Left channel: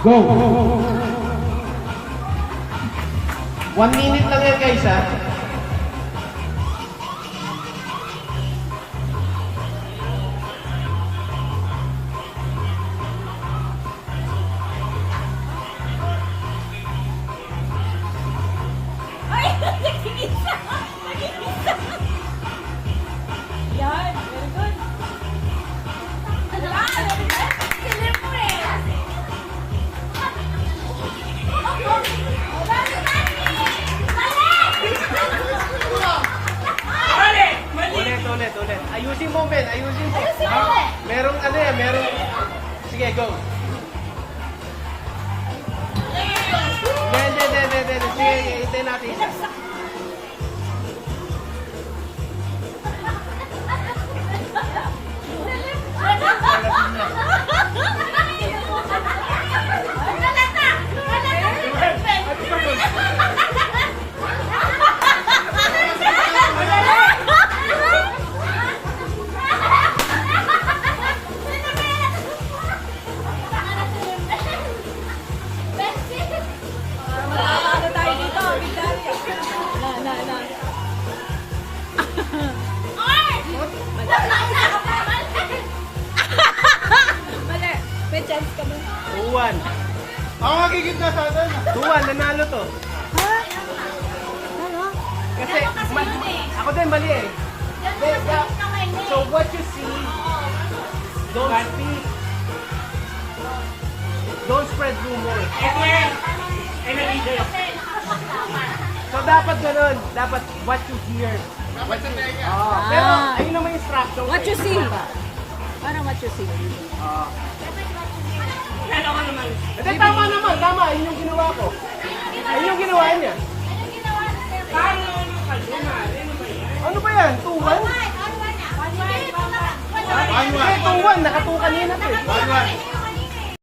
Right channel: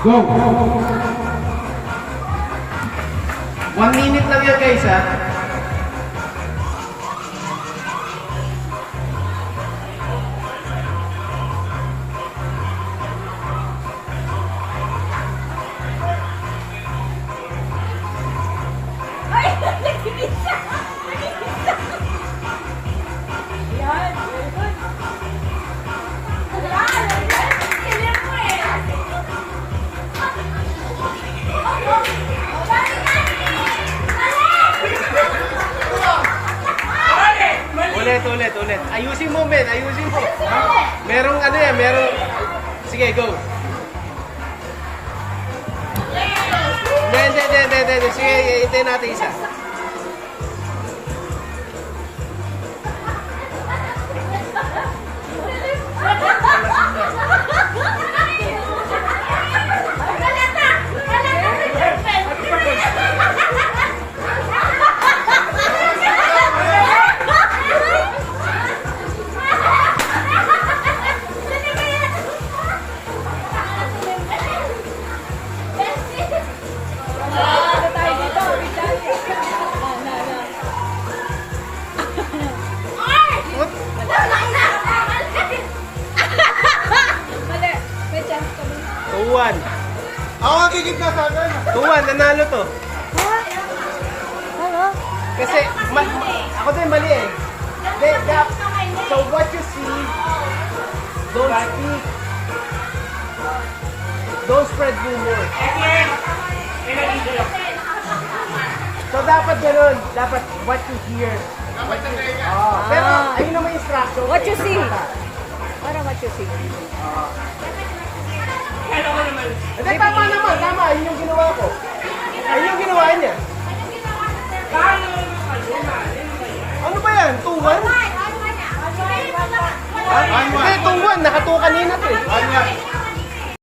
Go! 1 minute lang yan guys ha. Ulit. Ayusin mo, Ben. Ayusin mo. Merong ano eh, merong... Sige, go. Hindi. Sige, hintayin natin isa. Tuwan. Ako magigit na pa doon. Tuwan, nanalo to. Kasi, ako din mali eh. So what you see, don't speak. Don't spread rumors. So dapat ganun. Dapat what you hear. Dapat tandaan ka. Pero ayun naman instruction. What you see. Parang what you see. Kasi tama naman. Tama. Ayun yung ginawa ko. Ayun yung ginawa niya. Paano